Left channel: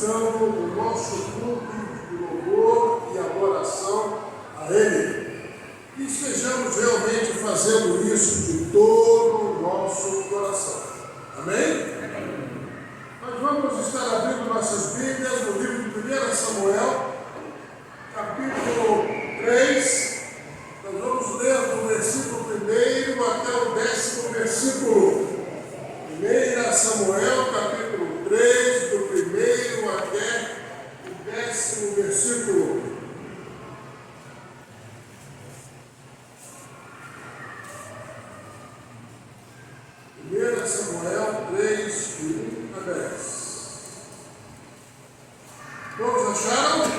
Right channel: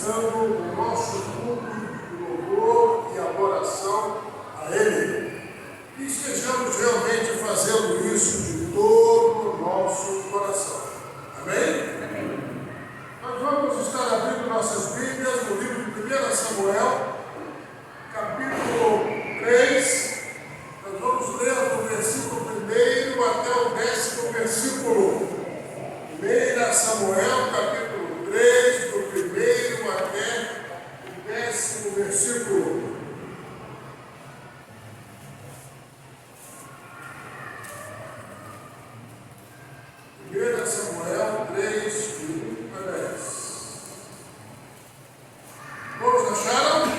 prestando o nosso culto de louvor e adoração a Ele. E estejamos realmente fazendo isso de todo o nosso coração. Amém? Amém. Nós vamos estar abrindo nossas Bíblias no livro de 1 Samuel, capítulo 3. Nós vamos ler do versículo 1 até o 10º versículo. 1 Samuel, capítulo 3, do 1 até o 10º versículo. Samuel 3, de 1 a 10. Todos acharam?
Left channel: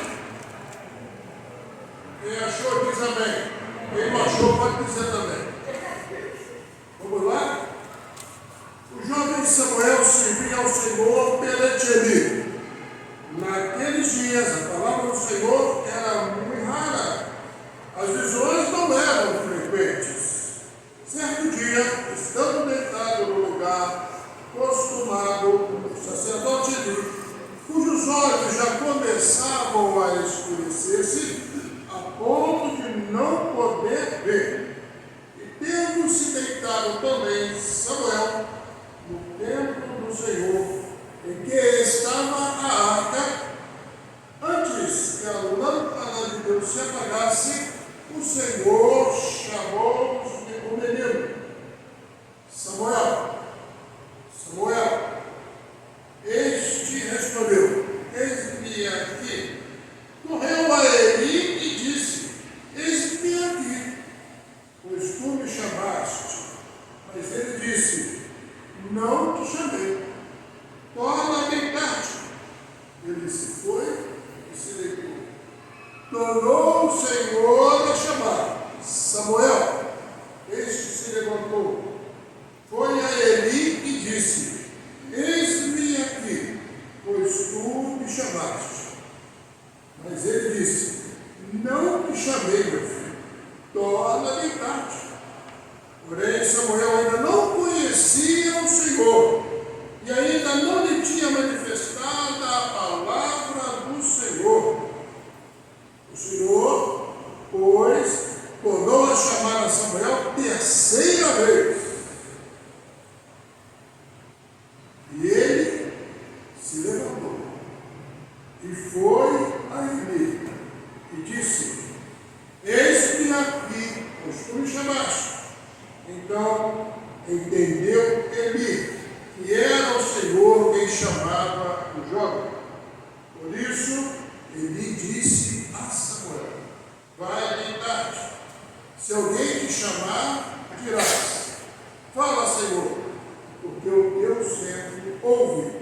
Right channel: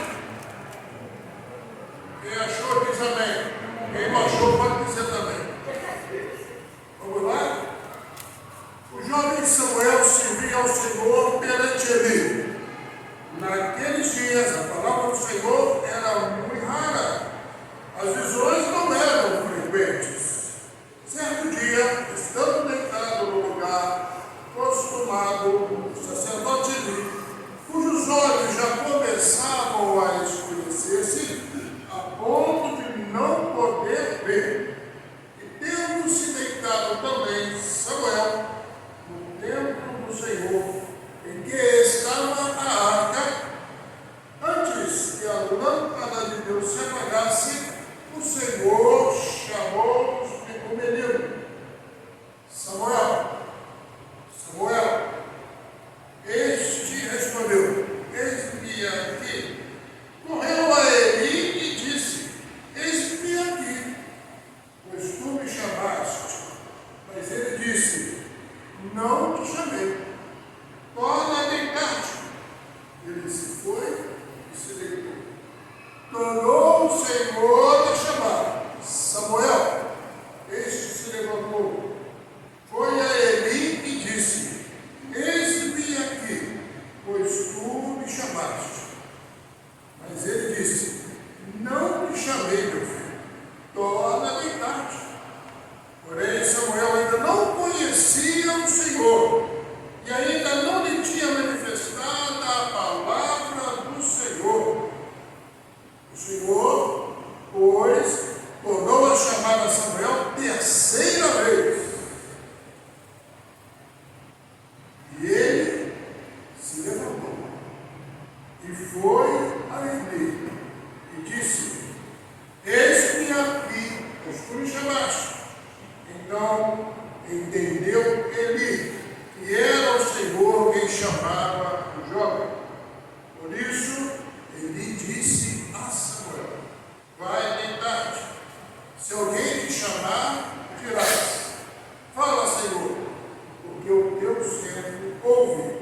Quem achou diz amém. Quem não achou pode dizer também. Vamos lá? O jovem Samuel servia ao Senhor perante Eli. Naqueles dias a palavra do Senhor era muito rara. As visões não eram frequentes. Certo dia, estando deitado no lugar costumado, o sacerdote Eli, cujos olhos já começavam a escurecer-se, a ponto de não poder ver, e tendo-se deitado também Samuel no templo do Senhor, em que estava a arca, antes que a lâmpada de Deus se apagasse, o Senhor chamou o menino: Samuel, Samuel. Este respondeu: eis-me aqui. Correu a Eli e disse: eis-me aqui, pois tu me chamaste. Mas ele disse: não te chamei, torna a deitar-te. Ele se foi e se deitou. Tornou o Senhor a chamar: Samuel. Este se levantou, foi a Eli e disse: eis-me aqui, pois tu me chamaste. Mas ele disse: não te chamei, meu filho, torna a deitar-te. Porém, Samuel ainda não conhecia o Senhor, e ainda não lhe tinha manifestada a palavra do Senhor. O Senhor, pois, tornou a chamar a Samuel terceira vez. E ele se levantou e foi a Eli e disse: eis-me aqui, pois tu me chamaste. Então entendeu Eli que era o Senhor quem chamava o jovem. Por isso, Eli disse a Samuel: vai deitar-te. Se alguém te chamar, dirás: fala, Senhor, porque o teu servo ouve.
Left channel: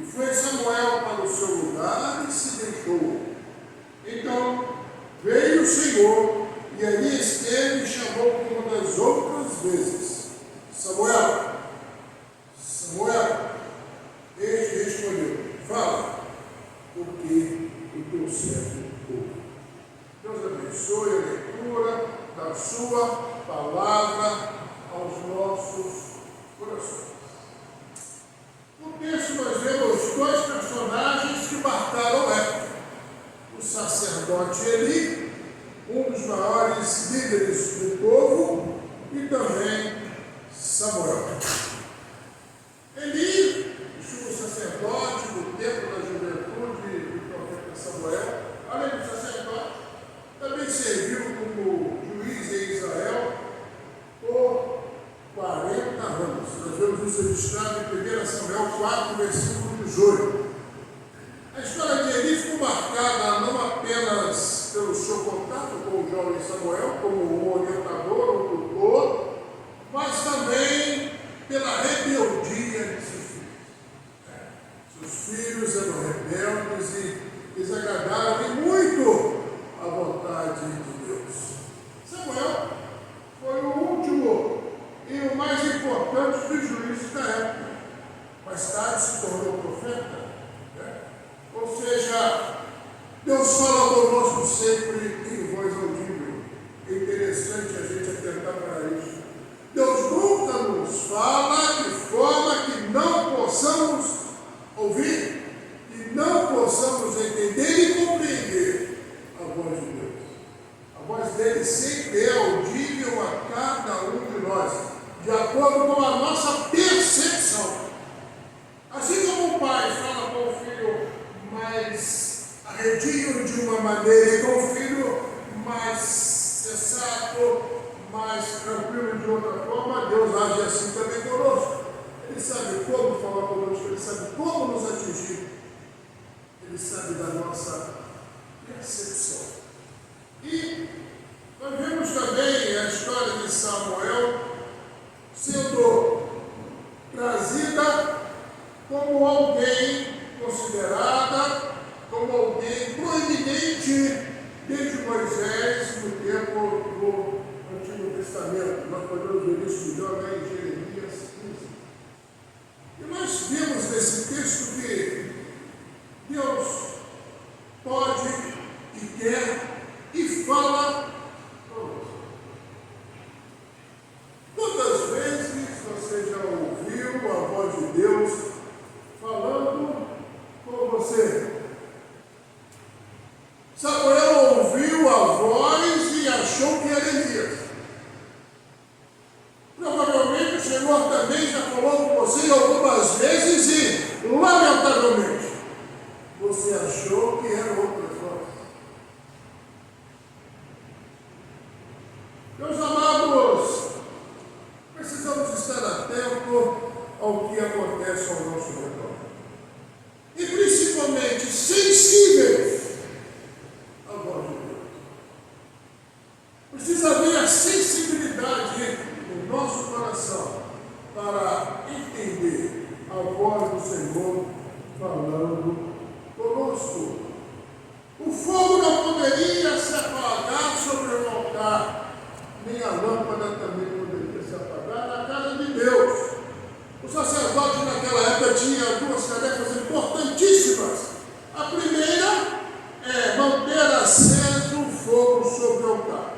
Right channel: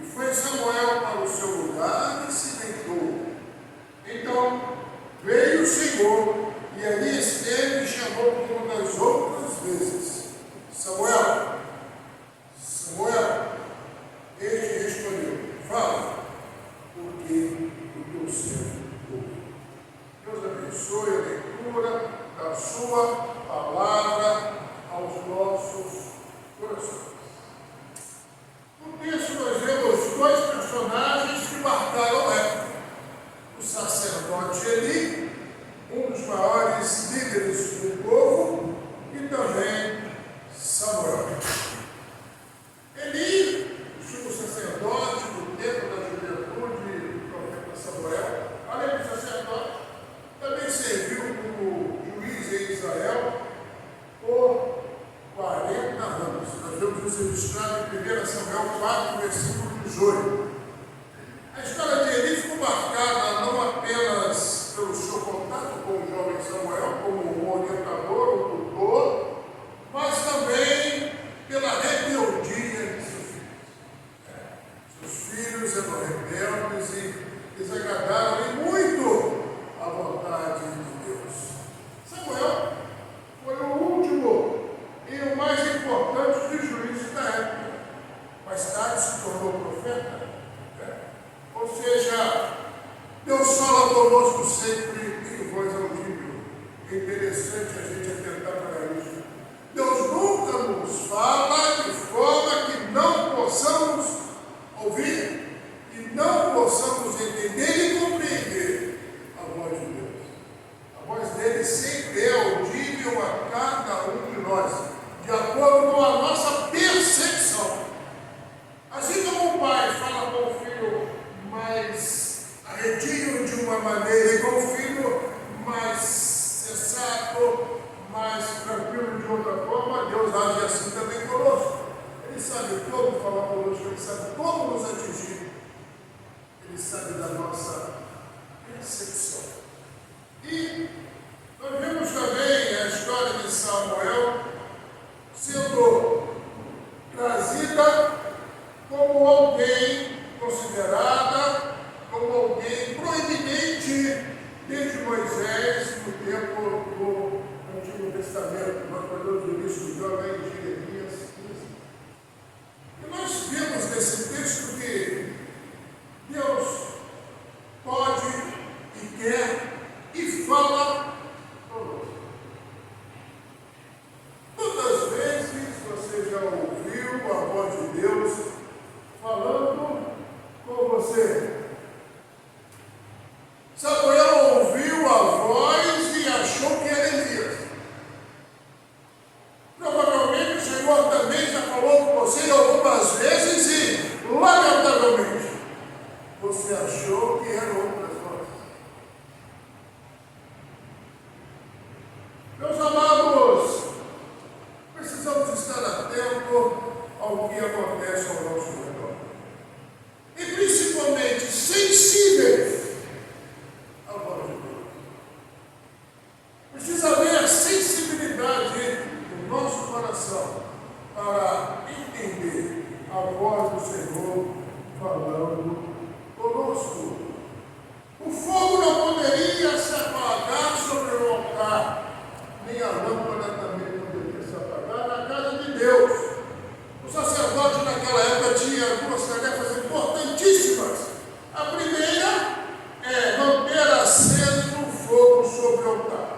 E foi Samuel para o seu lugar e se deitou. Então veio o Senhor, e ali esteve e chamou como das outras vezes: Samuel, Samuel. Este respondeu: fala, porque o teu servo ouve. Deus abençoe a leitura da sua palavra aos nossos corações. No texto nós vemos dois personagens que marcaram a época: o sacerdote Eli, um dos maiores líderes do povo, e também Samuel. Eli, o sumo sacerdote do tempo da juventude do profeta Samuel, além do sacerdote, também serviu como juiz em Israel por 40 anos. Nós vemos isso registrado em 1 Samuel 4, versículo 18. A história de Eli ficou marcada não apenas pelo seu contato com o jovem Samuel, como um orientador, um tutor, mas também pela rebeldia de seus filhos. Seus filhos eram rebeldes e desagradaram muito a vontade de Deus. Samuel foi o último e o mais importante dos juízes da época. Mais tarde se tornou profeta. Ou seja, Deus fala conosco sempre em voz audível. É interessante a gente atentar para isso. Deus nunca nos fala de forma que não possamos ouvir e não quietinho de uma maneira, e com o filho mais sensato, mais tranquilo de outra forma, Deus age assim também conosco. Ele sabe como falar conosco, Ele sabe como nos atingir, Ele sabe da nossa percepção. E nós vemos também a história de Samuel sendo trazida como alguém considerada, como alguém proeminente desde Moisés no tempo do Antigo Testamento. Nós podemos ver isso já em Jeremias 15. E nós vemos nesse texto que Deus pode e quer e fala conosco. Quantas vezes você já ouviu a voz de Deus falando com você? Samuel ouviu a voz e achou que era Elias. Provavelmente o Senhor também já falou com você algumas vezes e, lamentavelmente, você achou que era outra voz. Meus amados, precisamos estar atentos ao que acontece ao nosso redor. E principalmente sensíveis à voz de Deus. Precisa haver a sensibilidade do nosso coração para entender a voz do Senhor falando conosco. O fogo não poderia se apagar sobre o altar, nem a lâmpada também poderia se apagar na casa de Deus. O sacerdote naquela época tinha duas tarefas importantíssimas. A primeira é manter aceso o fogo sobre o altar.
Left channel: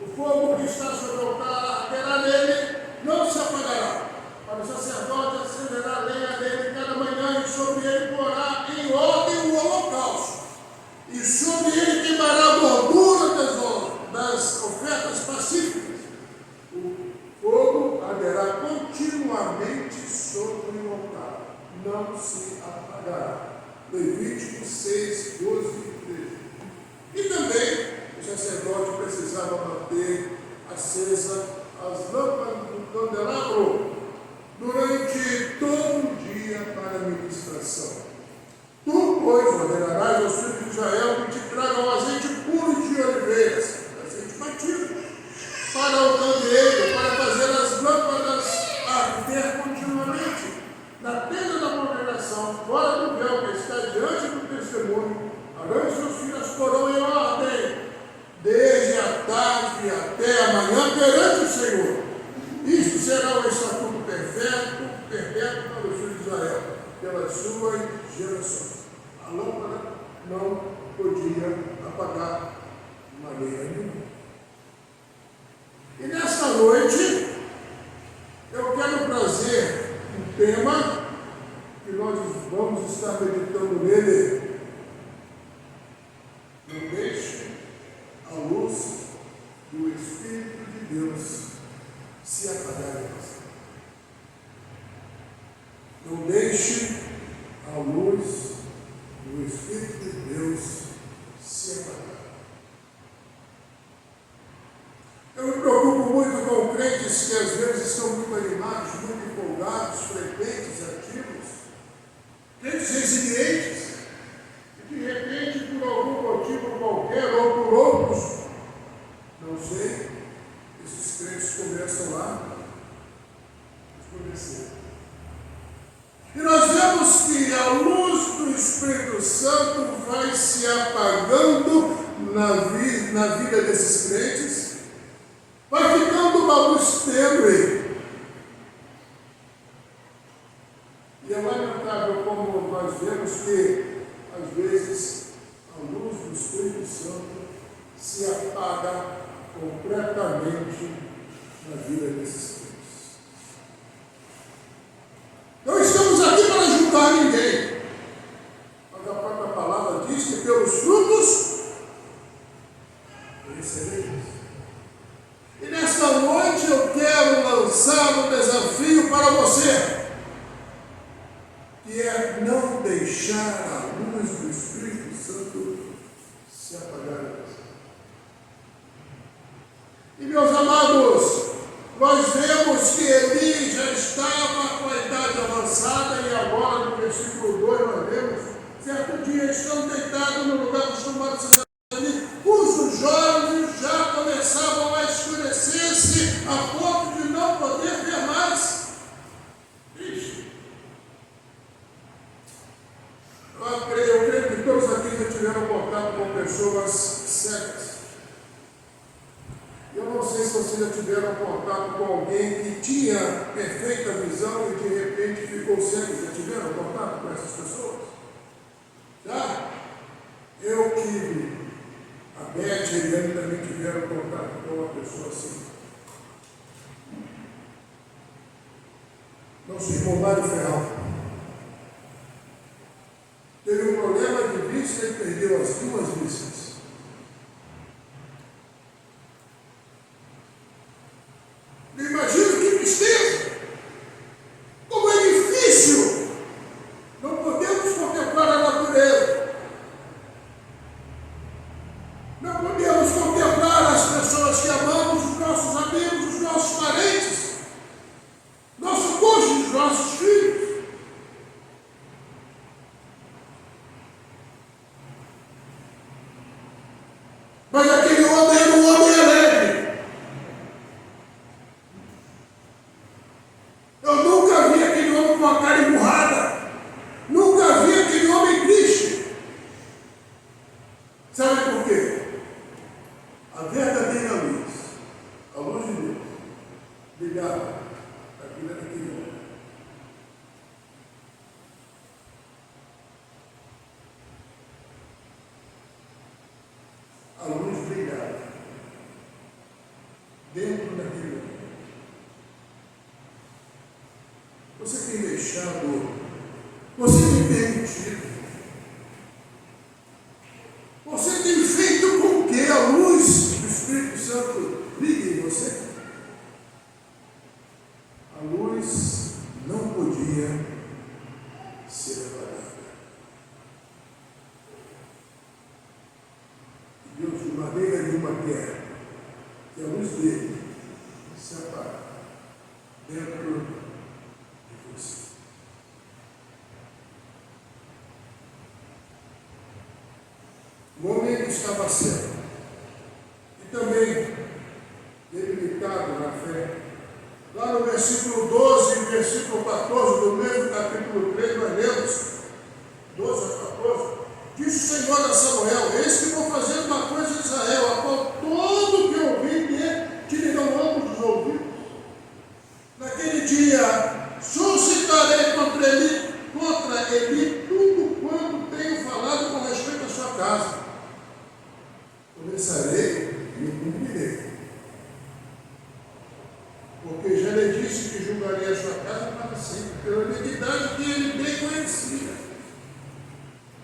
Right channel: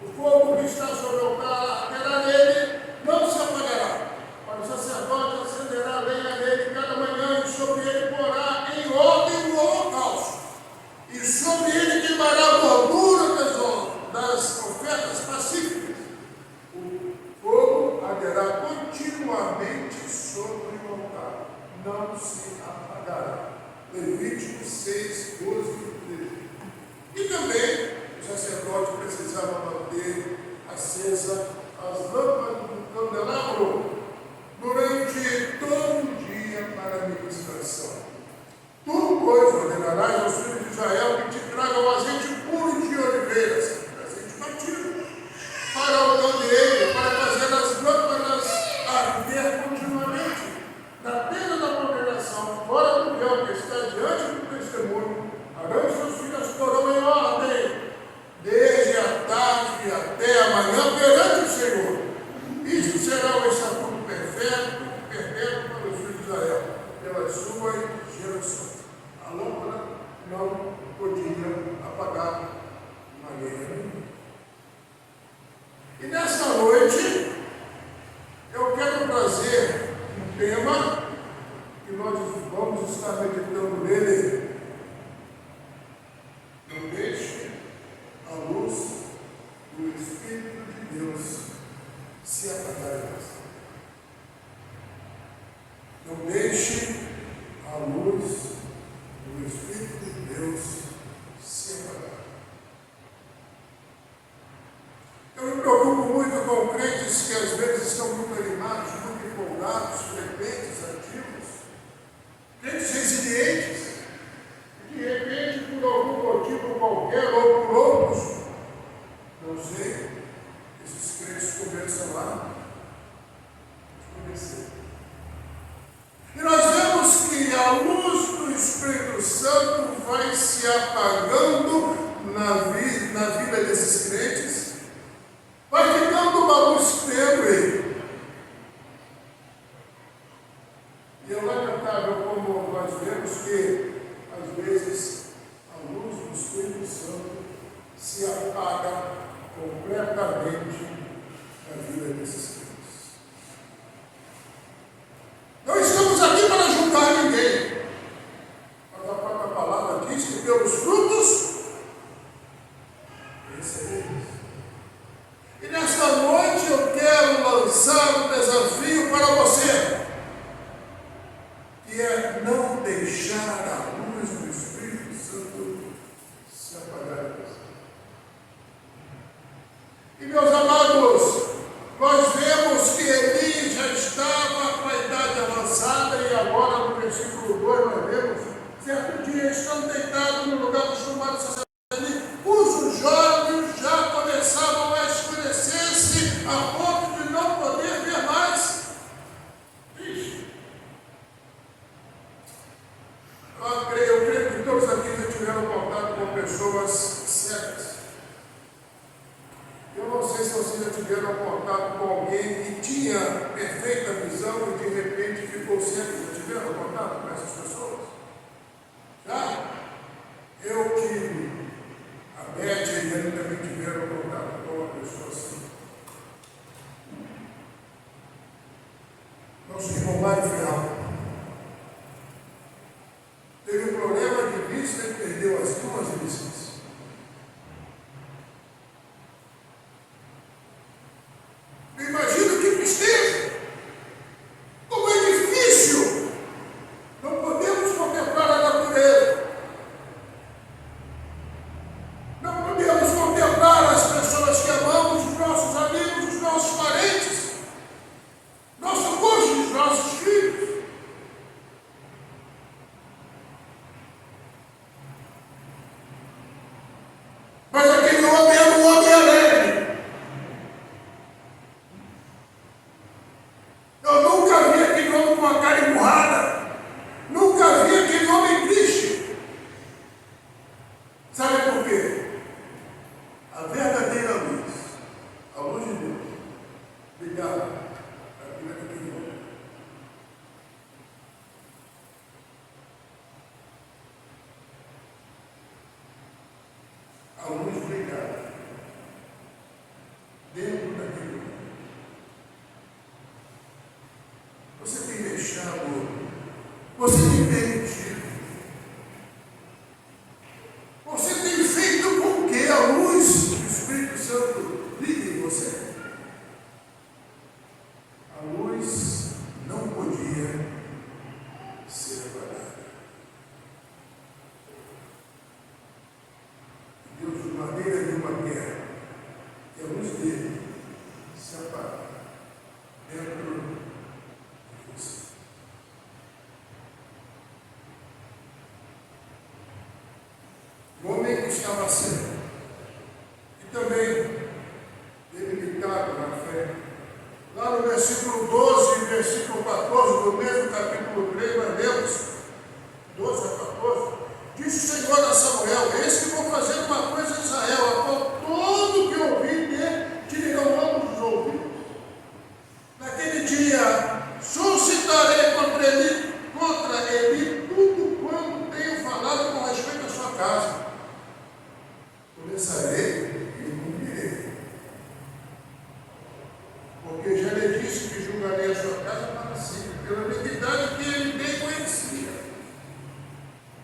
O fogo que está sobre o altar, terá nele, não se apagará. Para o sacerdote acenderá a lenha nele cada manhã e sobre ele porá em ordem o holocausto. E sobre ele queimará a gordura das ofertas pacíficas. O fogo arderá continuamente sobre o altar, não se apagará. Levítico 6, 12 e 13. E também o sacerdote precisava manter acesa as lâmpadas do candelabro durante todo o dia para a ministração. Tu, pois, ordenarás aos filhos de Israel que te tragam azeite puro de oliveiras, azeite batido, para o candeeiro, para fazer as lâmpadas arder continuamente. Na tenda da congregação, fora do véu que está diante do testemunho, Arão e seus filhos porão em ordem, desde a tarde até a manhã, perante o Senhor. Isto será o estatuto perpétuo para os filhos de Israel, pelas suas gerações. A lâmpada não podia apagar de maneira nenhuma. E nesta noite, eu quero trazer um tema que nós vamos estar meditando nele. Não deixe a luz do Espírito de Deus se apagar. Não deixe a luz do Espírito de Deus se apagar. Eu me preocupo muito com crentes que às vezes estão muito animados, muito empolgados, frequentes, ativos, crentes resilientes, e de repente, por algum motivo qualquer, ou por outros, não sei, esses crentes começam lá a escurecer. E nós vemos que a luz do Espírito Santo vai se apagando na vida desses crentes, vai ficando uma luz tênue. E é lamentável como nós vemos que, às vezes, a luz do Espírito Santo se apaga completamente na vida desses crentes. Não estamos aqui para julgar ninguém, mas a própria palavra diz que pelos frutos recebereis. E nesta noite eu quero lançar um desafio para você, que é não deixar a luz do Espírito Santo tiveram contato com pessoas cegas. Eu não sei se vocês já tiveram contato com alguém que tinha perfeita visão e de repente ficou cego. Já tiveram contato com essas pessoas? Já? Eu tive. A Beth e a Eliane também tiveram contato com uma pessoa assim. Nosso irmão Mário Ferral teve um problema de vista e perdeu as duas vistas. Imagina que tristeza! Como é difícil! Não podemos contemplar a natureza. Não podemos contemplar as pessoas que amamos, os nossos amigos, os nossos parentes, nosso cônjuge, nossos filhos. Mas aquele homem era um homem alegre. Eu nunca vi aquele homem com a cara emburrada. Nunca vi aquele homem triste. Sabe por quê? A verdadeira luz, a luz de Deus, brilhava aqui naquele homem. A luz brilhava dentro daquele homem. Você tem deixado, você tem permitido, você tem feito com que a luz do Espírito Santo brilhe em você? A luz não podia ser apagada. Deus, de maneira nenhuma, quer que a luz dele se apague dentro de você. O homem estava cego e também debilitado na fé. Lá no versículo 12 e versículo 14 do mesmo capítulo 3, nós lemos 12 a 14. Disse o Senhor a Samuel: eis que vou fazer uma coisa em Israel, a qual todo que ouvir dele te lhe ambos os ouvidos. Naquele dia suscitarei contra ele tudo quanto tenho falado com respeito à sua casa. Começarei e cumprirei. Porque já lhe disse que julgaria a sua casa para sempre, pela iniquidade que ele bem conhecia.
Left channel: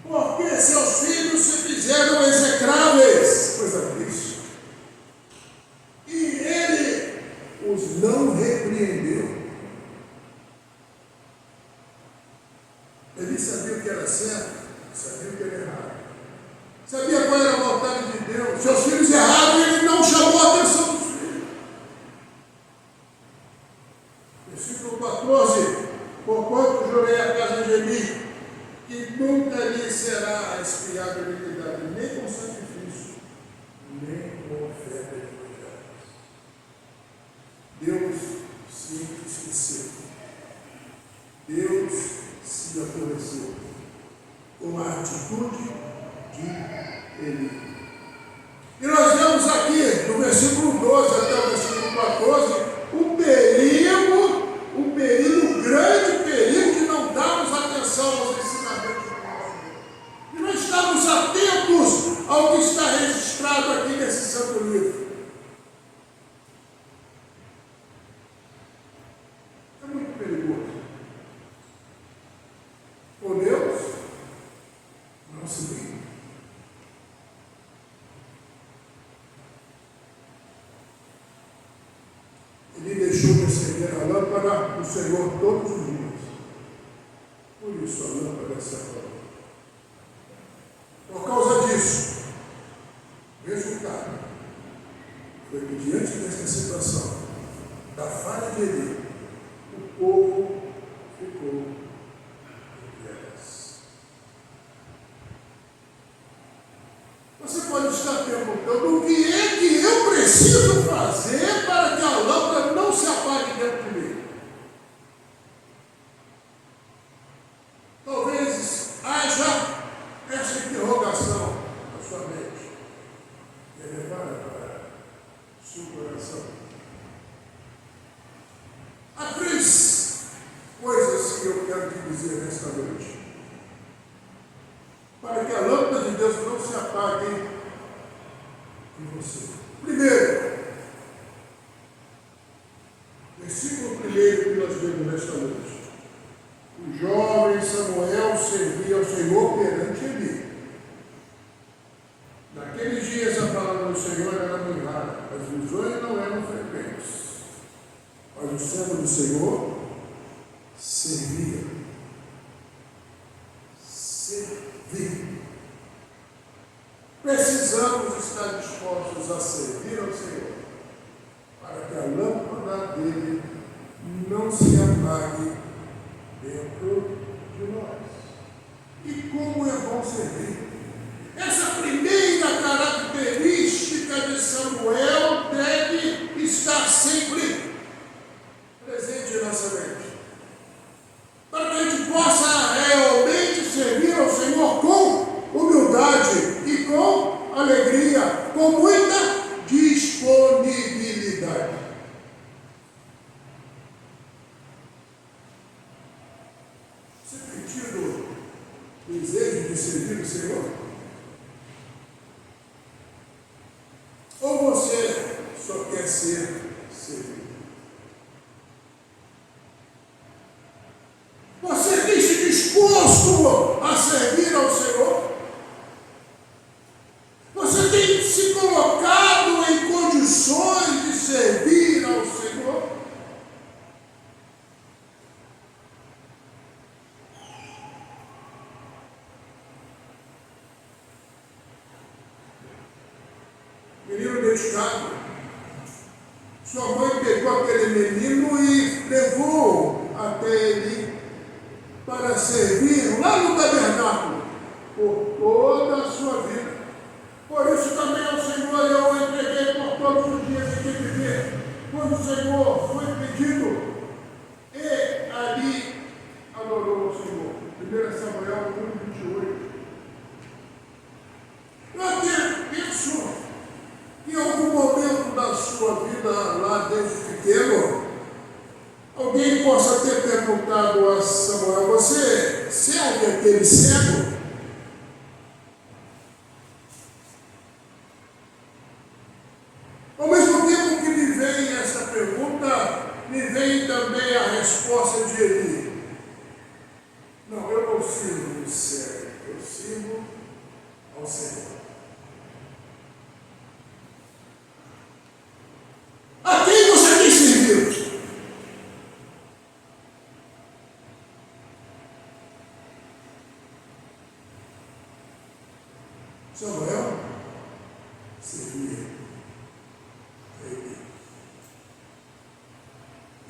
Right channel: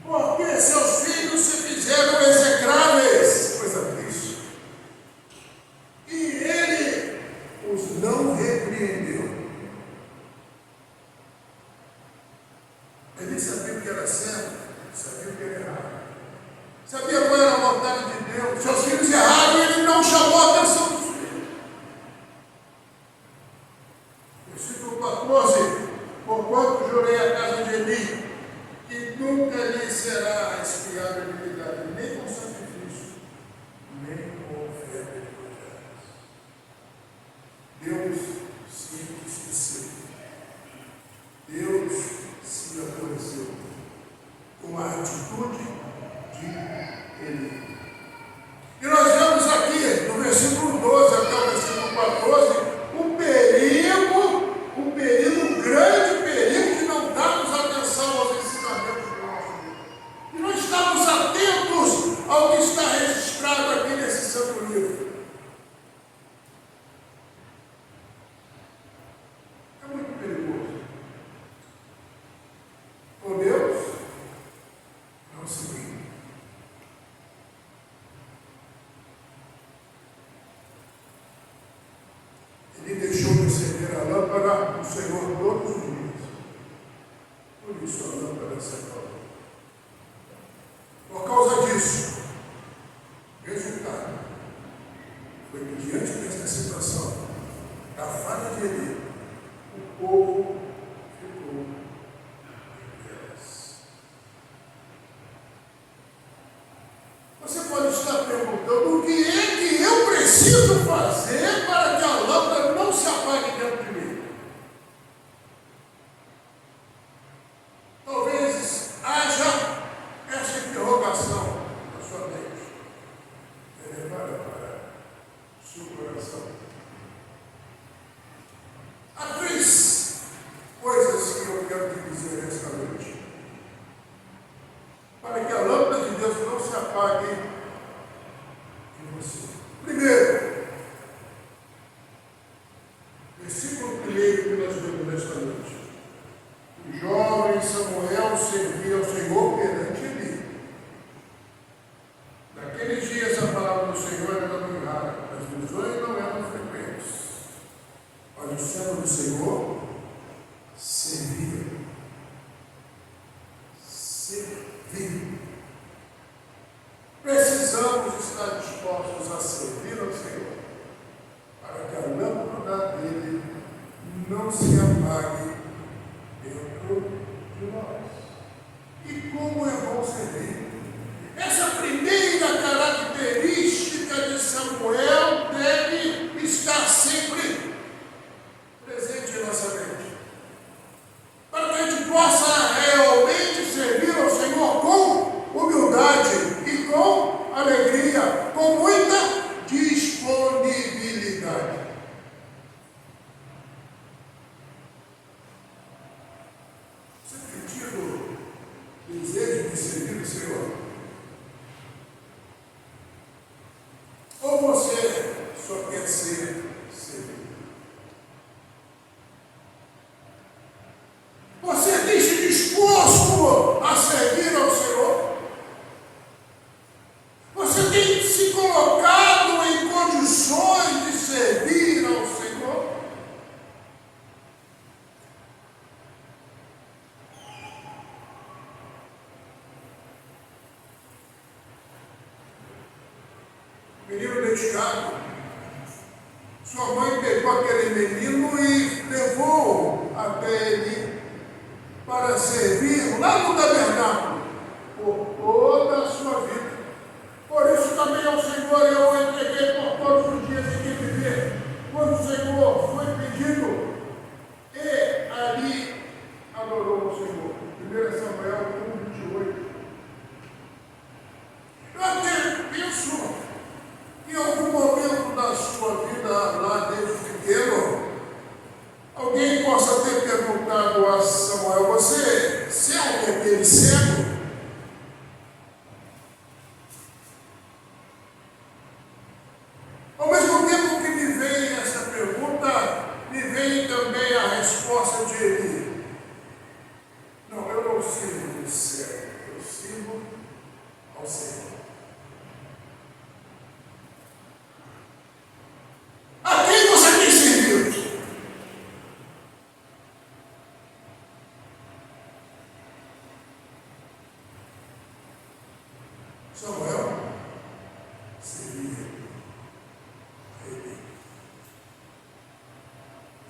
Porque seus filhos se fizeram execráveis, coisa triste, e ele os não repreendeu. Ele sabia o que era certo, sabia o que era errado, sabia qual era a vontade de Deus. Seus filhos erraram e ele não chamou a atenção dos filhos. Versículo 14: porquanto jurei a casa de Eli, que nunca lhe será expiada a iniquidade, nem com sacrifício, nem com oferta de manjares. Deus se esqueceu. Deus se aborreceu com a atitude de Eli. E nós vemos aqui, no versículo 12 até o versículo 14, o grande perigo de não darmos atenção aos ensinamentos do nosso Deus. E não estamos atentos ao que está registrado aqui nesse santo livro. É muito perigoso. Com Deus, não se brinca. Ele deixou de acender a lâmpada do Senhor todos os dias. Por isso a lâmpada se apagou. Por causa disso, resultado foi que diante dessa situação da falha de Eli, o povo ficou em trevas. Você pode estar perguntando: o que é que eu preciso fazer para que a lâmpada não se apague dentro de mim? Talvez haja essa interrogação. que a lâmpada de Deus não se apague em você. Primeiro, versículo 1 que nós vemos nesta noite. O jovem Samuel servia ao Senhor perante Eli. Naqueles dias a palavra do Senhor era muito rara, as visões não eram frequentes. Mas o servo do Senhor servia. Precisamos estar dispostos a servir ao Senhor, para que a lâmpada dele não se apague dentro de nós. E como é bom servir! Essa primeira característica de Samuel deve estar sempre presente em nossa mente, para que a gente possa realmente servir ao Senhor com humildade e com alegria, com muita disponibilidade. Você tem tido desejo de servir o Senhor? Ou você só quer ser servido? Você tem-se disposto a servir ao Senhor? Você tem se colocado em condições de servir ao Senhor? Menino dedicado. Sua mãe pegou aquele menino e levou até ele para servir lá no tabernáculo por toda a sua vida. Por isso também ao Senhor eu entreguei por todos os dias em que viver. Quando o Senhor foi pedido, e ali adorou o Senhor. 1 Samuel 1:28. Eu até penso que em algum momento da sua vida, lá desde pequeno, alguém possa ter perguntado a Samuel: você serve aquele cego? Ao mesmo tempo que me vem essa pergunta, me vem também a resposta de Eli: não, eu não sirvo o cego, eu sirvo ao Senhor. A quem você tem servido? Samuel servia a Eli.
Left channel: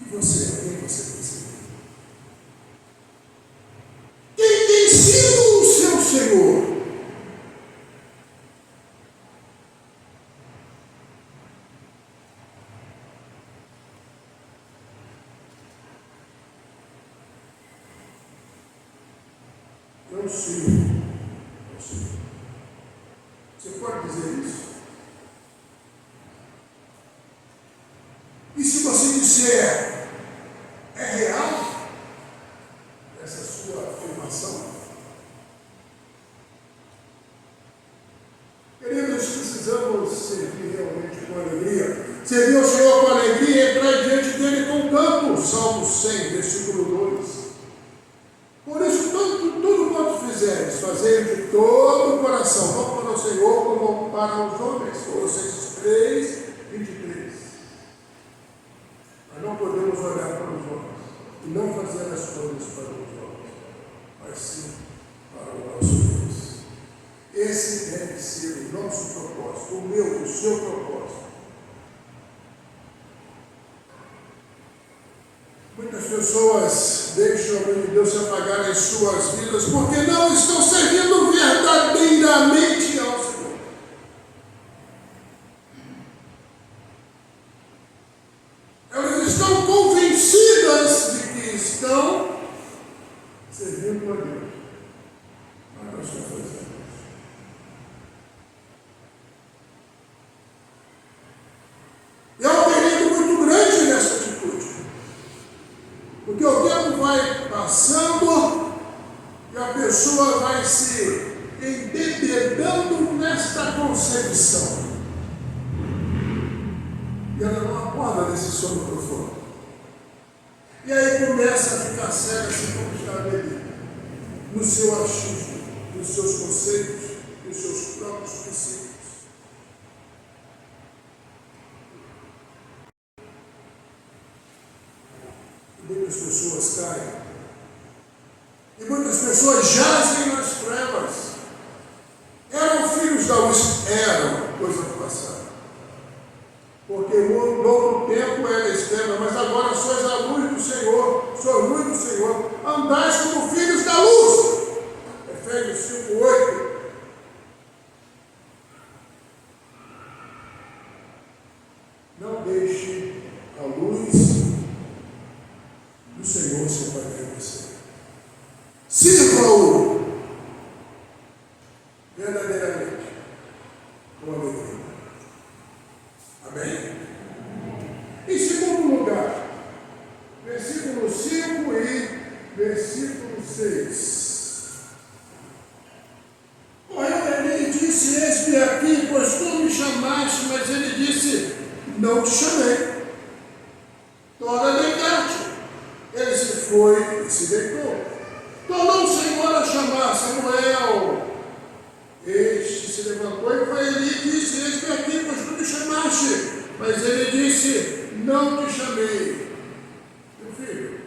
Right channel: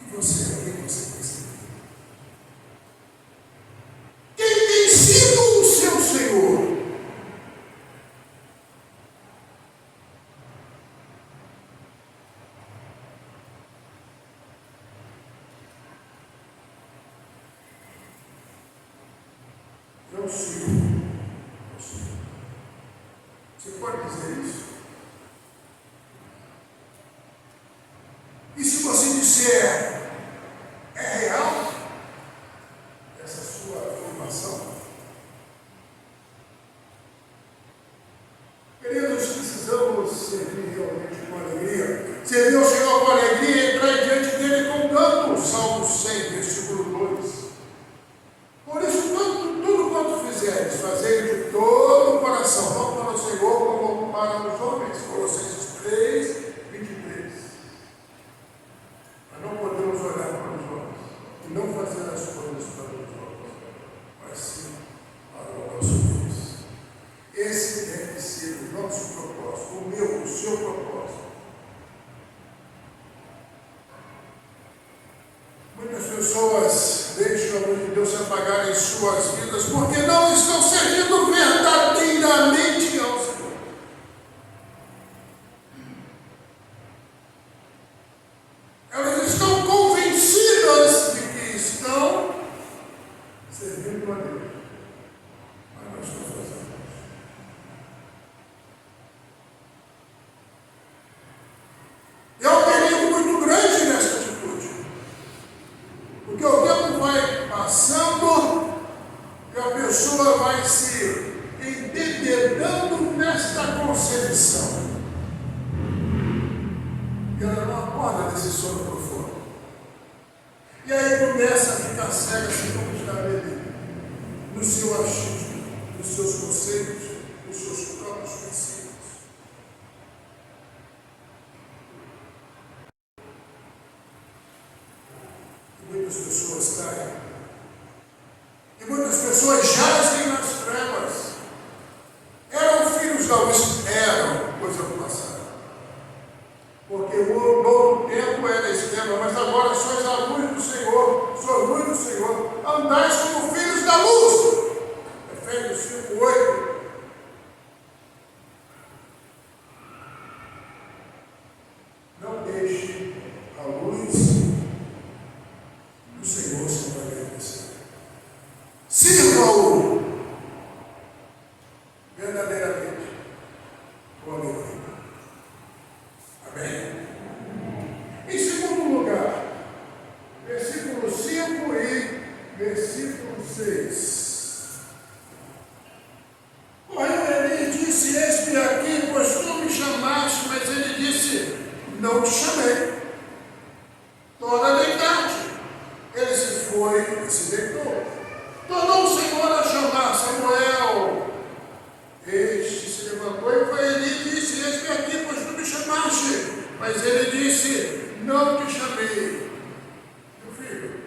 E você, a quem você tem servido? Quem tem sido o seu Senhor? Eu sirvo ao Senhor. Você pode dizer isso? E se você disser, é real essa sua afirmação? Queridos, precisamos servir realmente com alegria. Servir ao Senhor com alegria e entrar diante dele com canto. Salmo 100, versículo 2. Por isso, tudo quanto fizeres, fazei de todo o coração, não para o Senhor como para os homens. Colossenses 3:23. Nós não podemos olhar para os homens e não fazer as coisas para os homens, mas sim para o nosso Deus. Esse deve ser o nosso propósito, o meu, o seu propósito. Muitas pessoas deixam a luz de Deus se apagar em suas vidas porque não estão servindo verdadeiramente ao Senhor. Elas estão convencidas de que estão servindo a Deus, mas não estão fazendo. É um perigo muito grande nessa atitude. Porque o tempo vai passando e a pessoa passando por fora. E aí começa a ficar cega assim como está ele, no seu achismo, nos seus conceitos, nos seus próprios princípios. E muitas pessoas caem. E muitas pessoas jazem nas trevas. Eram filhos da luz, eram, coisa do passado. Porque o novo tempo era extrema, mas agora sois a luz do Senhor, sois luz do Senhor. Andais como filhos da luz. Efésios 5:8. Não deixe a luz do Senhor se apagar em você. Sirva-o verdadeiramente com alegria. Amém? Em segundo lugar, versículo 5 e versículo 6. Ele disse: eis-me aqui, pois tu me chamaste, mas ele disse: não te chamei. Torna a deitar-te. Ele se foi e se deitou. Tornou o Senhor a chamar Samuel. Este se levantou e foi ali e disse: eis-me aqui, pois tu me chamaste. Mas ele disse: não te chamei. Meu filho,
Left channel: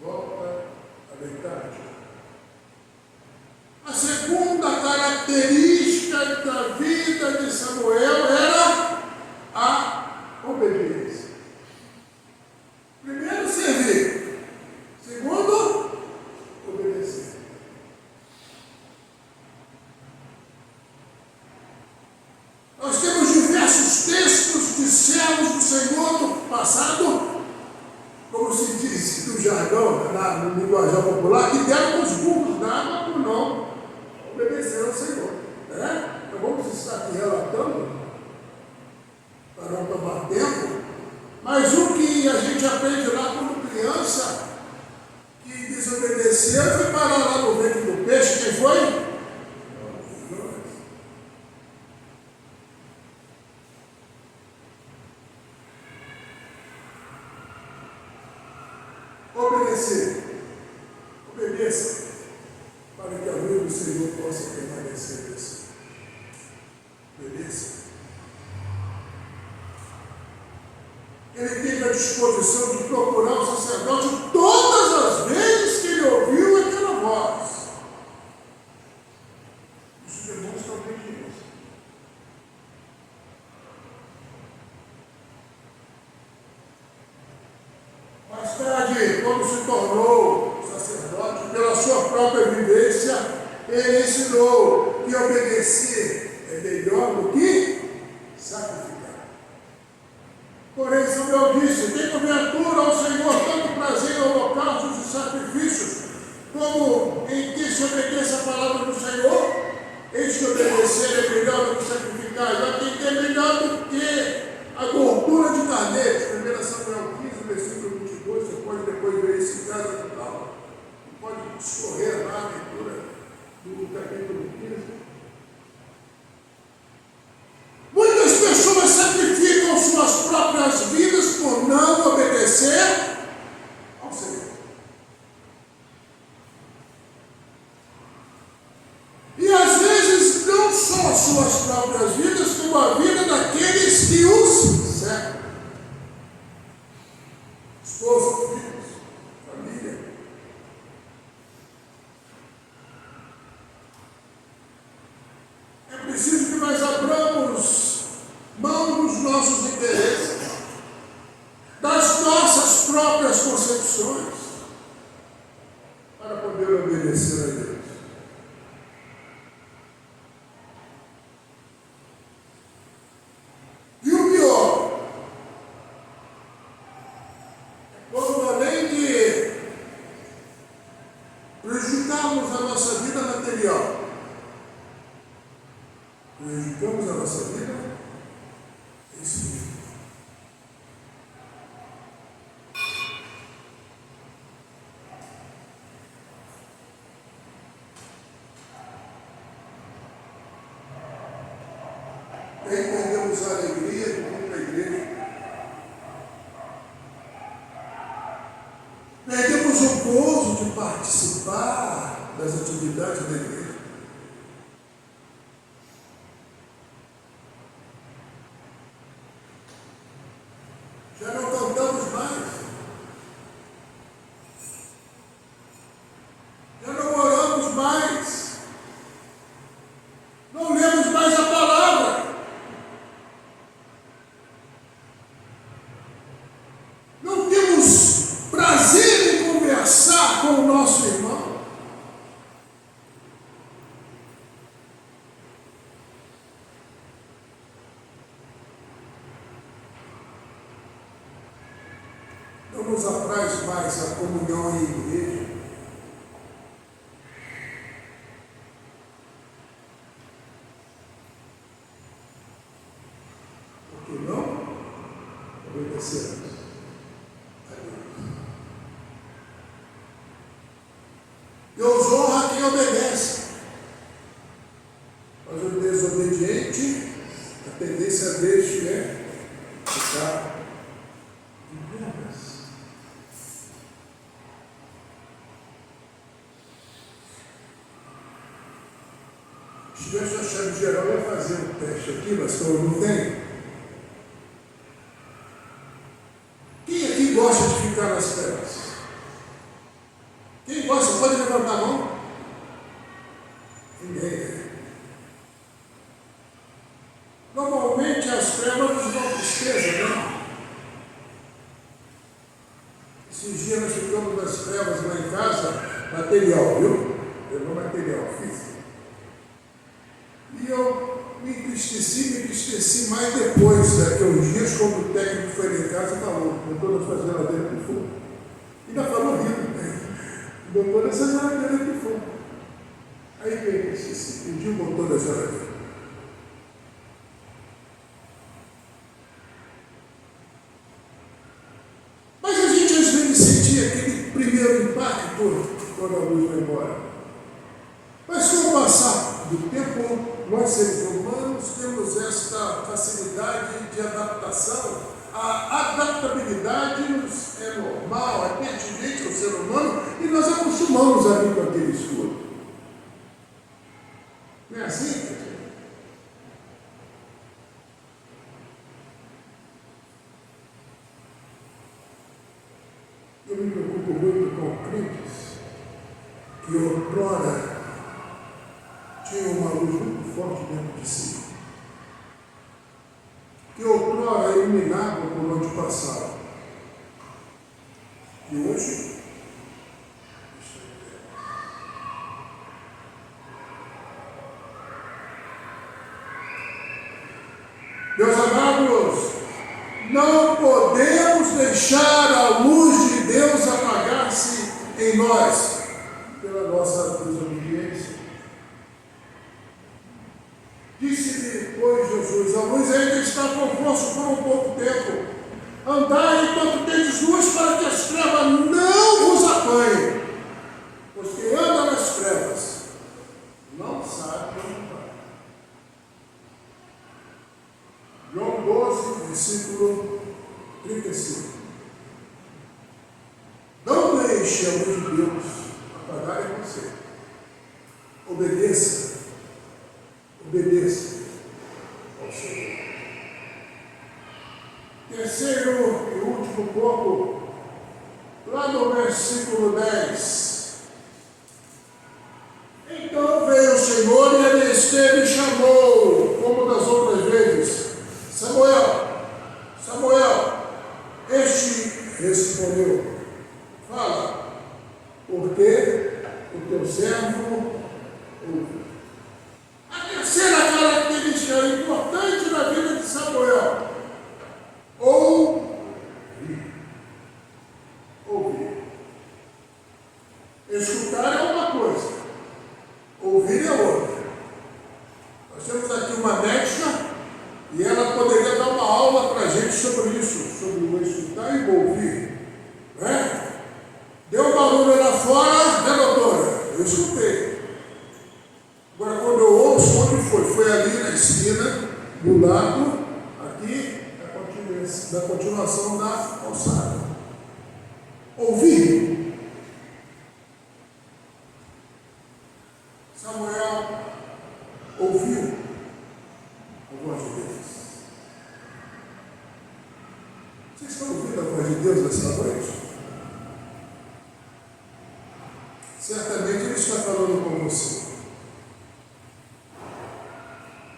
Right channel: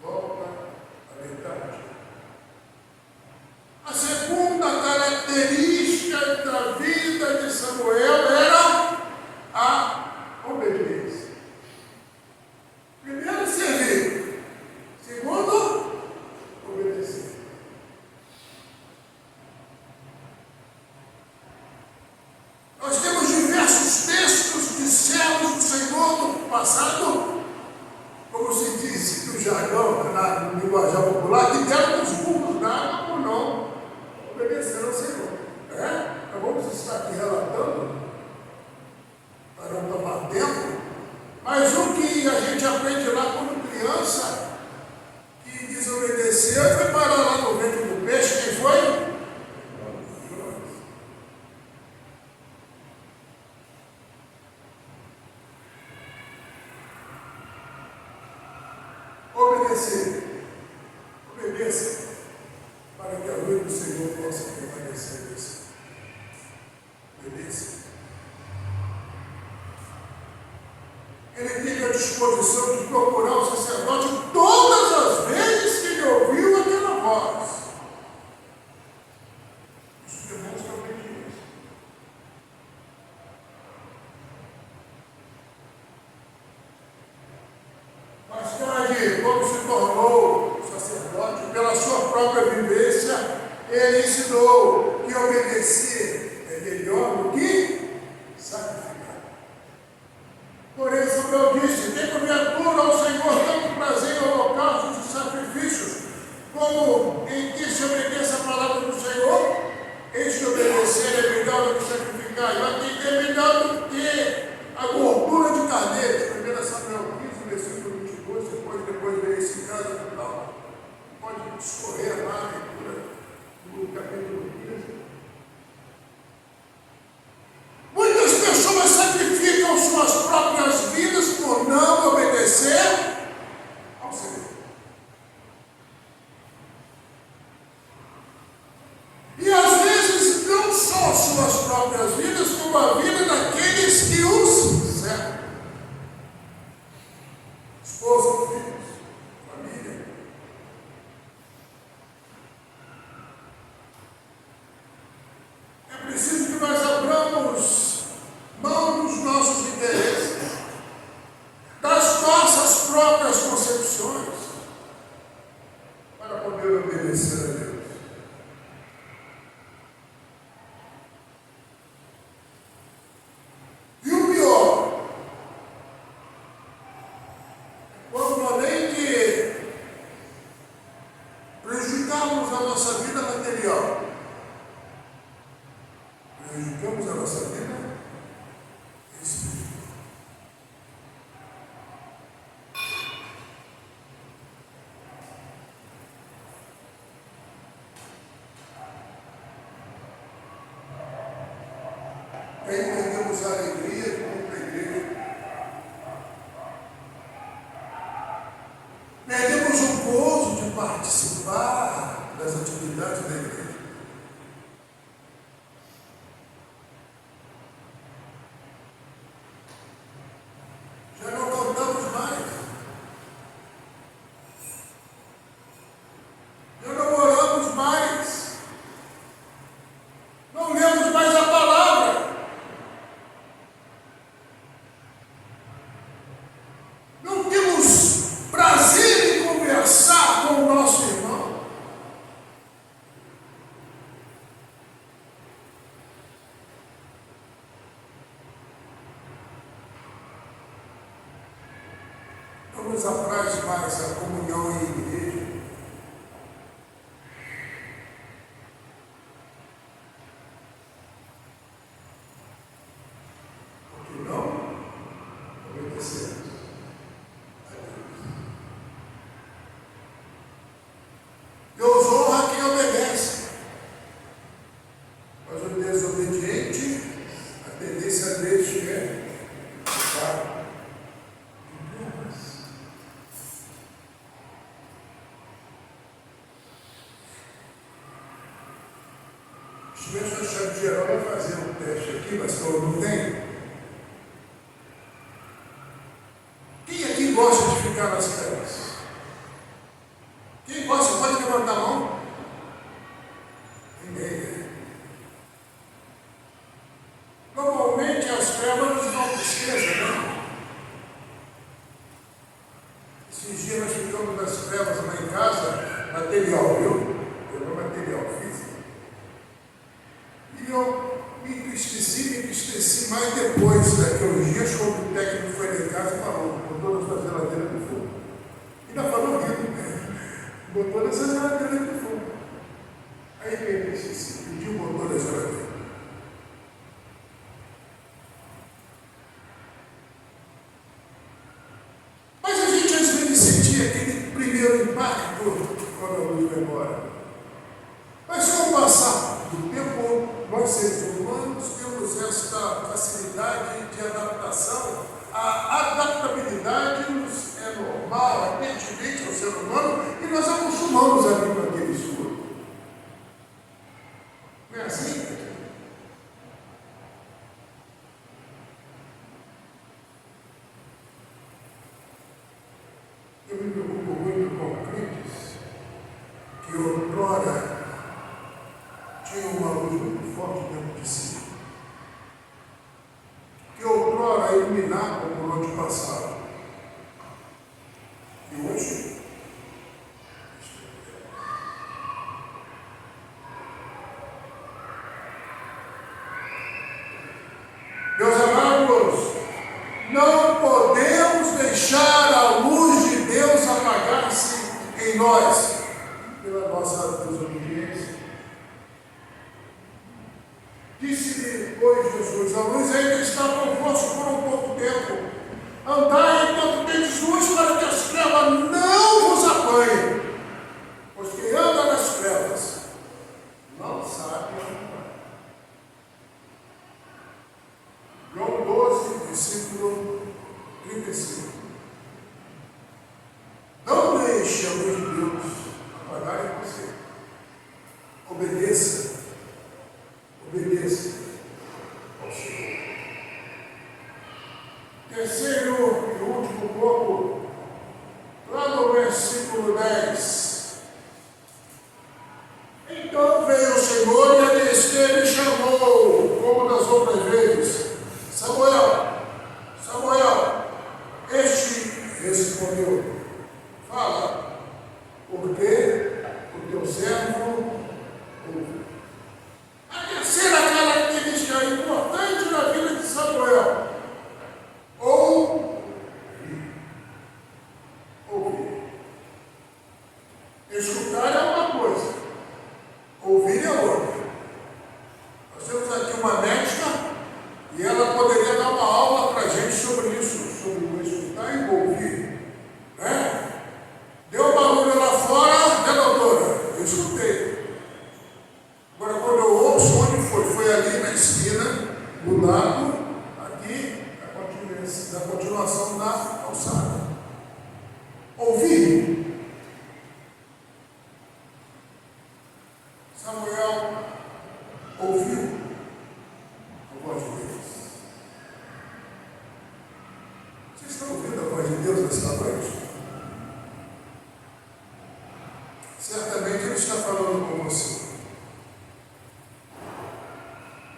volta a deitar-te. A segunda característica da vida de Samuel era a obediência. Primeiro, servir. Segundo, obedecer. Nós temos diversos textos de servos do Senhor no passado, como se diz no jargão, no linguajar popular, que deram os burros da água por não obedecer ao Senhor. Então vamos estar aqui relatando, para não tomar tempo, mas o que a gente aprende lá como criança, que desobedeceu, foi parar lá no ventre do peixe. Quem foi? Obedecer. Obedeça, para que a luz do Senhor possa permanecer em você. Obedeça. Ele teve a disposição de procurar o sacerdote todas as vezes que ele ouviu aquela voz. Isso demonstra obediência. Mais tarde, quando se tornou sacerdote, pela sua própria vivência, ele ensinou que obedecer é melhor do que sacrificar. Porém, Samuel disse: tem porventura ao Senhor tanto prazer em holocaustos e sacrifícios, como em que se obedeça a palavra do Senhor? Eis que obedecer é melhor do que sacrificar, e atender é melhor do que a gordura de carneiro. 1 Samuel 15, versículo 22, você pode depois ver isso em casa e tal. Pode escorrer lá a leitura do capítulo 15. Muitas pessoas sacrificam suas próprias vidas por não obedecer ao Senhor. E às vezes não só suas próprias vidas, como a vida daqueles que os cercam. Esposa, filhos, família. É preciso que nós abramos mão dos nossos interesses, das nossas próprias concepções, para poder obedecer a Deus. E o pior é quando, além de prejudicarmos a nossa vida material, prejudicamos a nossa vida espiritual. Entendemos a alegria como a igreja. temos o gozo de participar das atividades da igreja. Já não cantamos mais. Já não oramos mais. Não lemos mais a palavra. Não temos prazer em conversar com o nosso irmão. Não nos apraz mais a comunhão em igreja. Por que não? Obedecemos a Deus. Deus honra quem obedece. Mas o desobediente, a tendência deste é ficar em problemas. Se Deus achar de geral, vai fazer um teste aqui, mas eu não tenho. Quem aqui gosta de ficar nas trevas? Quem gosta? Pode levantar a mão? Ninguém. Normalmente as trevas nos dão tristeza, né? Esses dias nós ficamos nas trevas lá em casa, material, viu? Pegou material físico. E eu me entristeci mais depois daqueles dias, quando o técnico foi lá em casa e falou, botou nessa geladeira de fogo. Ainda falou rindo, né? Botou nessa geladeira de fogo. Aí veio esse pediu, botou na geladeira. Mas a gente às vezes sentia aquele primeiro impacto quando a luz vai embora. Mas com o passar do tempo, nós seres humanos temos esta facilidade de adaptação. A adaptabilidade é normal, é pertinente ao ser humano e nós acostumamos a vir com aquele escuro. Não é assim? Eu me preocupo muito com crentes que outrora tinham uma luz muito forte dentro de si. Que outrora iluminava por onde passava. E hoje, meus amados, não podemos deixar a luz de Deus apagar-se em nós pela nossa desobediência. Disse depois Jesus, a luz ainda está convosco por um pouco tempo. Andai enquanto tendes luz para que as trevas não vos apanhem. Pois quem anda nas trevas não sabe onde vai. João 12, versículo 35. Não deixe a luz de Deus apagar em você. Obedeça. Obedeça ao Senhor. Terceiro e último ponto, lá no versículo 10. Então veio o Senhor e ele esteve e chamou, como das outras vezes, Samuel, Samuel. Este respondeu, fala, porque o teu servo ouve. A terceira característica importante na vida de Samuel, ouvir. Escutar é uma coisa, ouvir é outra. Nós temos aqui uma médica e ela poderia dar uma aula para a gente sobre isso, sobre o escutar e o ouvir. Né? Deu barulho lá fora, né, doutora? Eu escutei. Agora, quando eu ouço, onde foi? Foi ali na esquina, do lado, aqui, da continuação da calçada. Ouvir ouviu a voz de Deus? Vocês estão ouvindo a voz de Deus nessa noite? Certamente Ele está falando com você.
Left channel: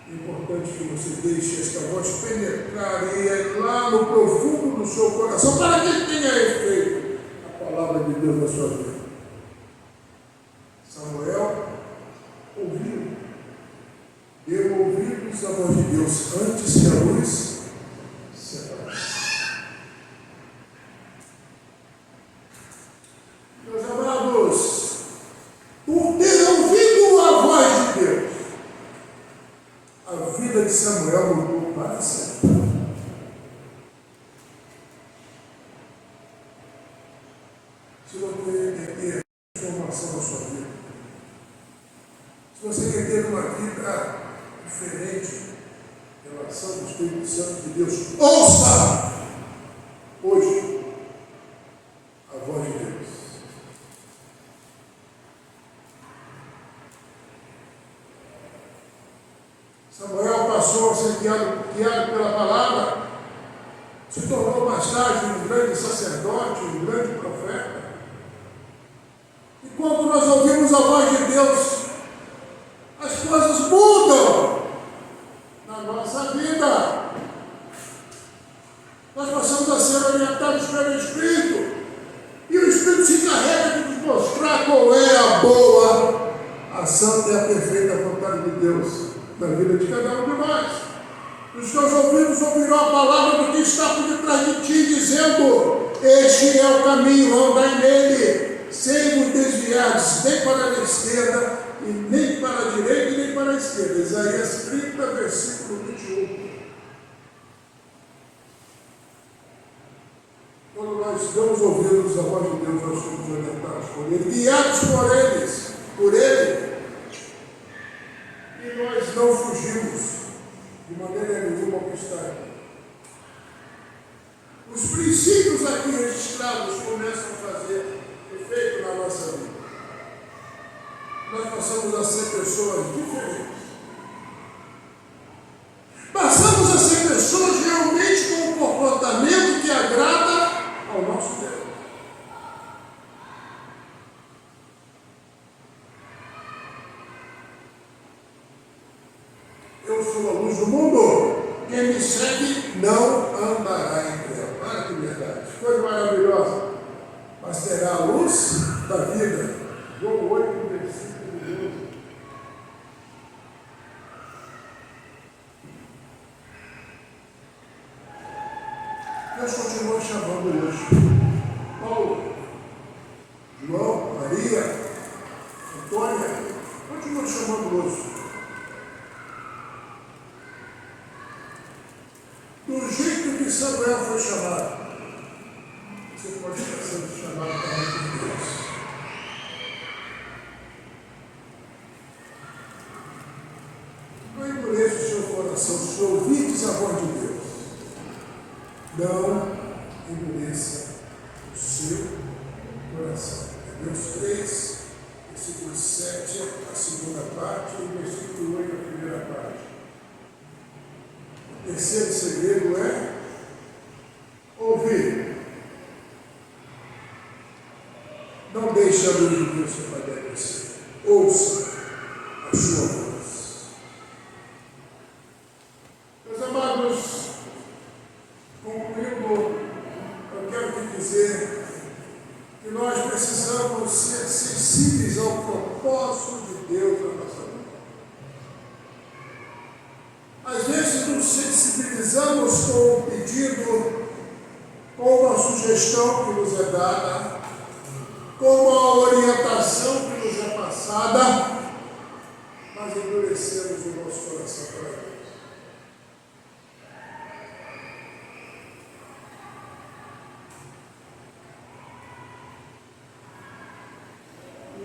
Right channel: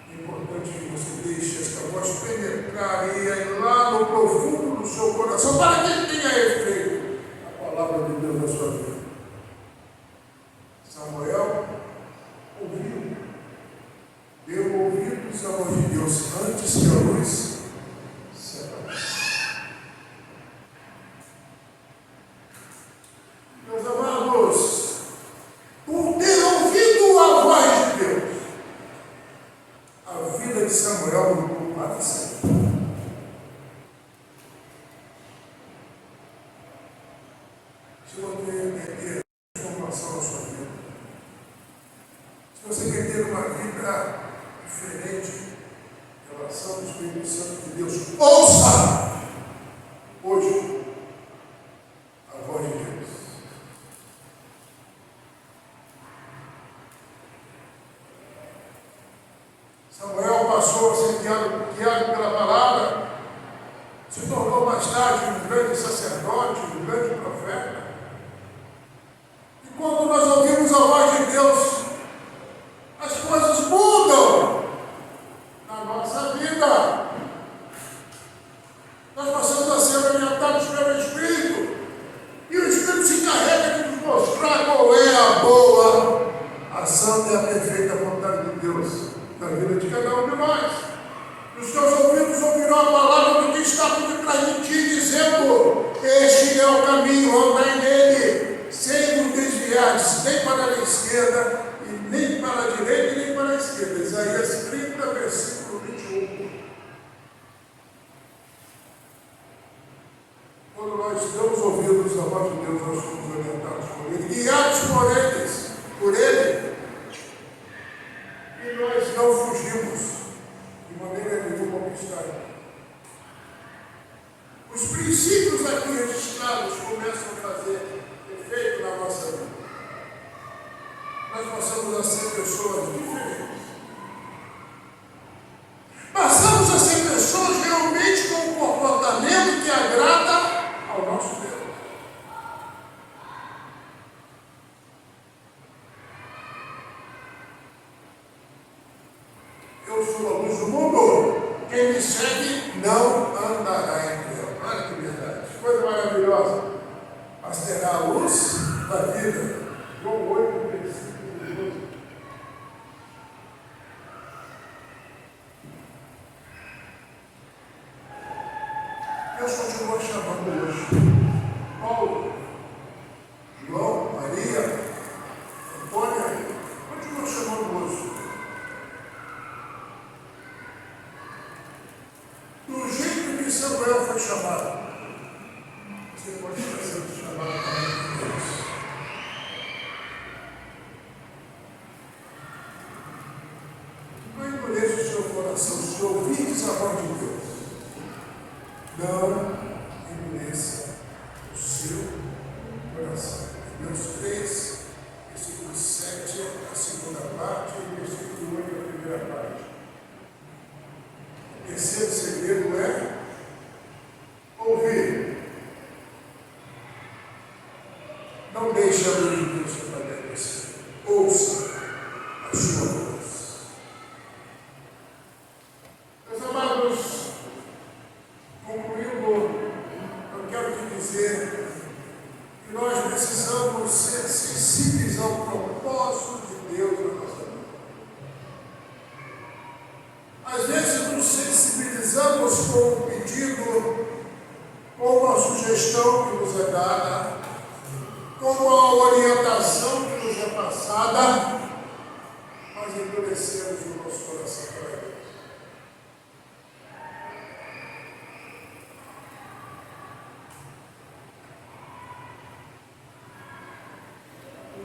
É importante que você deixe esta voz penetrar e ir lá no profundo do seu coração para que tenha efeito a palavra de Deus na sua vida. Samuel ouviu, deu ouvidos à voz de Deus antes que a luz se apagasse. Meus amados, por ter ouvido a voz de Deus, a vida de Samuel mudou para sempre. Se você quer ter transformação na sua vida, se você quer ter uma vida diferente em relação ao Espírito Santo de Deus, ouça hoje a voz de Deus. Samuel passou a ser guiado pela palavra, se tornou mais tarde um grande sacerdote, um grande profeta. E quando nós ouvimos a voz de Deus, as coisas mudam na nossa vida. Nós passamos a ser orientados pelo Espírito, e o Espírito se encarrega de nos mostrar qual é a boa, a santa e a perfeita vontade de Deus na vida de cada um de nós. Os teus ouvidos ouvirão a palavra do que está por detrás de ti, dizendo: este é o caminho, andai nele, sem vos desviar, nem para a esquerda, e nem para a direita, e nem para a esquerda. Isaías 30, versículo 21. Quando nós damos ouvidos à voz de Deus, nós somos orientados por Ele, guiados por Ele. E nós não fugimos de maneira nenhuma ao que está aqui. Os princípios aqui registrados começam a fazer efeito na nossa vida. Nós passamos a ser pessoas diferentes. Passamos a ser pessoas realmente com um comportamento que agrada ao nosso Deus. Eu sou a luz do mundo. Quem me segue não andará em trevas. Ah, que verdade. Coisa maravilhosa. Mas terá a luz da vida. João 8, versículo 12. Deus continua chamando hoje Paulo, João, Maria, Antônia. Continua chamando hoje. Do jeito que Samuel foi chamado, você pode estar sendo chamado também por Deus. Não endureça o seu coração, se ouvides a voz de Deus. Não endureça o seu coração. Hebreus 3, versículo 7, a segunda parte, e versículo 8, a primeira parte. O terceiro segredo é ouvir. Não deixe a luz de Deus se aparecer. Ouça a sua voz. Meus amados, concluindo, eu quero te dizer que nós precisamos ser sensíveis ao propósito de Deus na nossa vida. Às vezes nos sensibilizamos com um pedido, com uma sugestão que nos é dada, com uma orientação que nos é passada, mas endurecemos o nosso coração para Deus.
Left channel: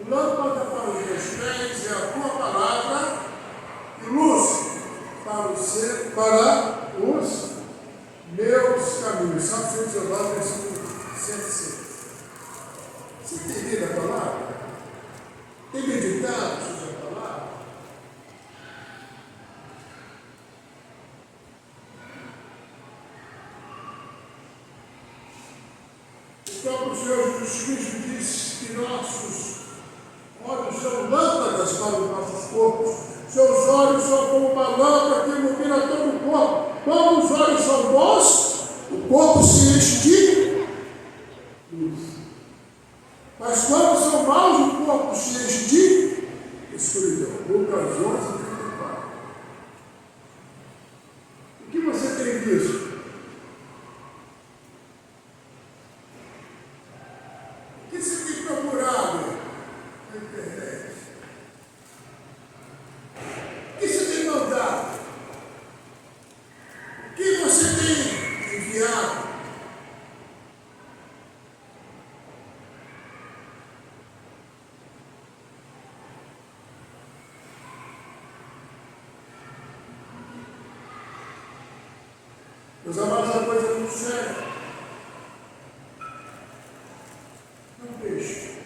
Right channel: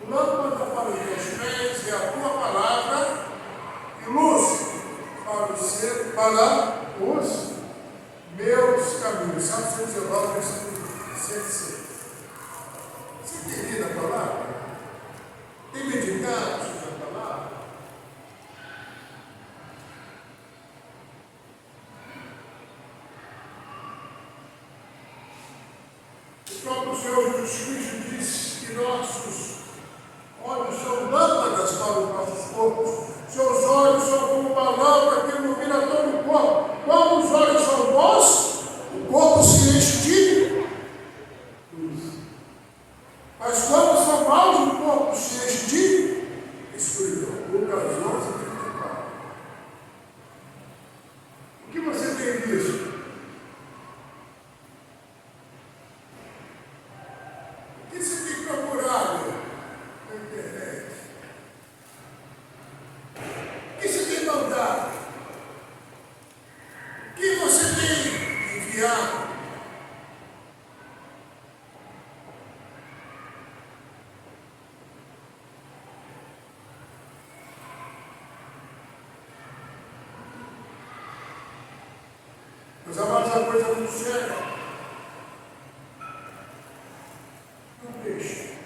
Lâmpada para os meus pés é a tua palavra e luz para os meus caminhos. Salmo 119, versículo 106. Você tem lido a palavra? Tem meditado sobre a palavra? próprio Senhor Jesus Cristo diz que nossos olhos são lâmpadas para os nossos corpos. Seus olhos são como uma lâmpada que ilumina todo o corpo. Quando os olhos são bons, o corpo se enche de luz. Mas quando são maus, o corpo se enche de escuridão. Lucas 11:34. O que você tem visto? O que você tem procurado na internet? O que você tem mandado? O que você tem enviado? Meus amados, a coisa muito séria. Não deixe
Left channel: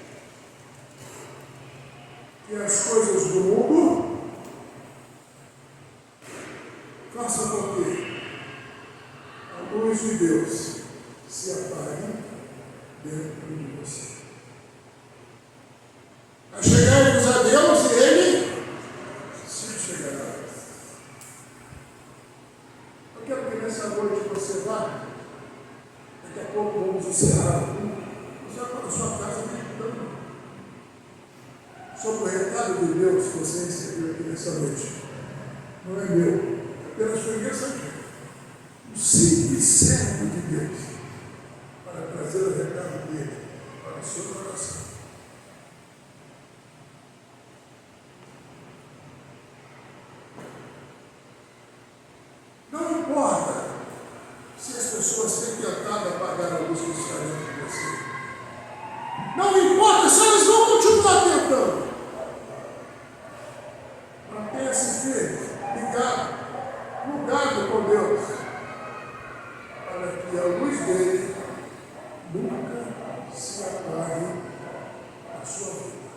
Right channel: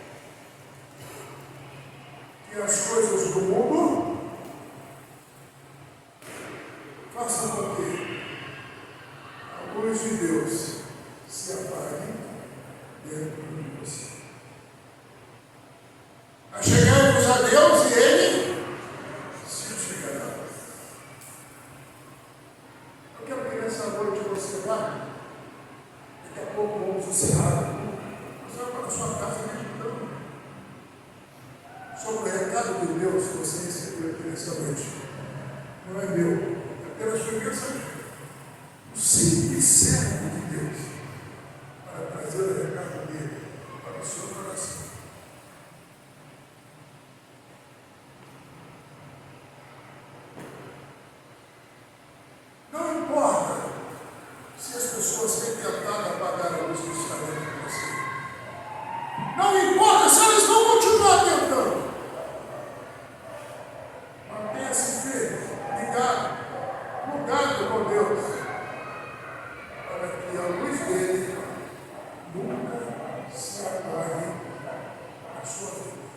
que as coisas do mundo façam com que a luz de Deus se apague dentro de você. Achegai-vos a Deus e Ele se chegará. Eu quero que nessa noite você vá. Daqui a pouco vamos encerrar. Você vai para a sua casa meditando sobre o recado de Deus que você recebeu aqui nessa noite. Não é meu, apenas foi mensageiro. Um simples servo de Deus para trazer o recado dele para o seu coração. Não importa se as pessoas têm tentado apagar a luz que está dentro de você. Não importa se elas vão continuar tentando. Mantenha-se firme, ligado, mudado com Deus, para que a luz dele nunca se apague na sua vida.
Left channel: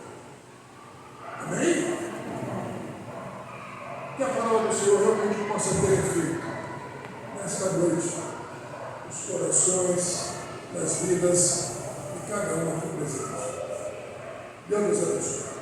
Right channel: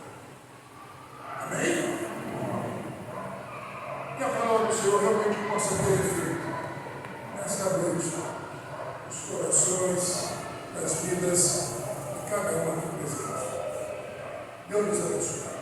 Amém? Que a palavra do Senhor realmente possa ter efeito nesta noite, nos corações, nas vidas de cada um aqui presente. Deus nos abençoe.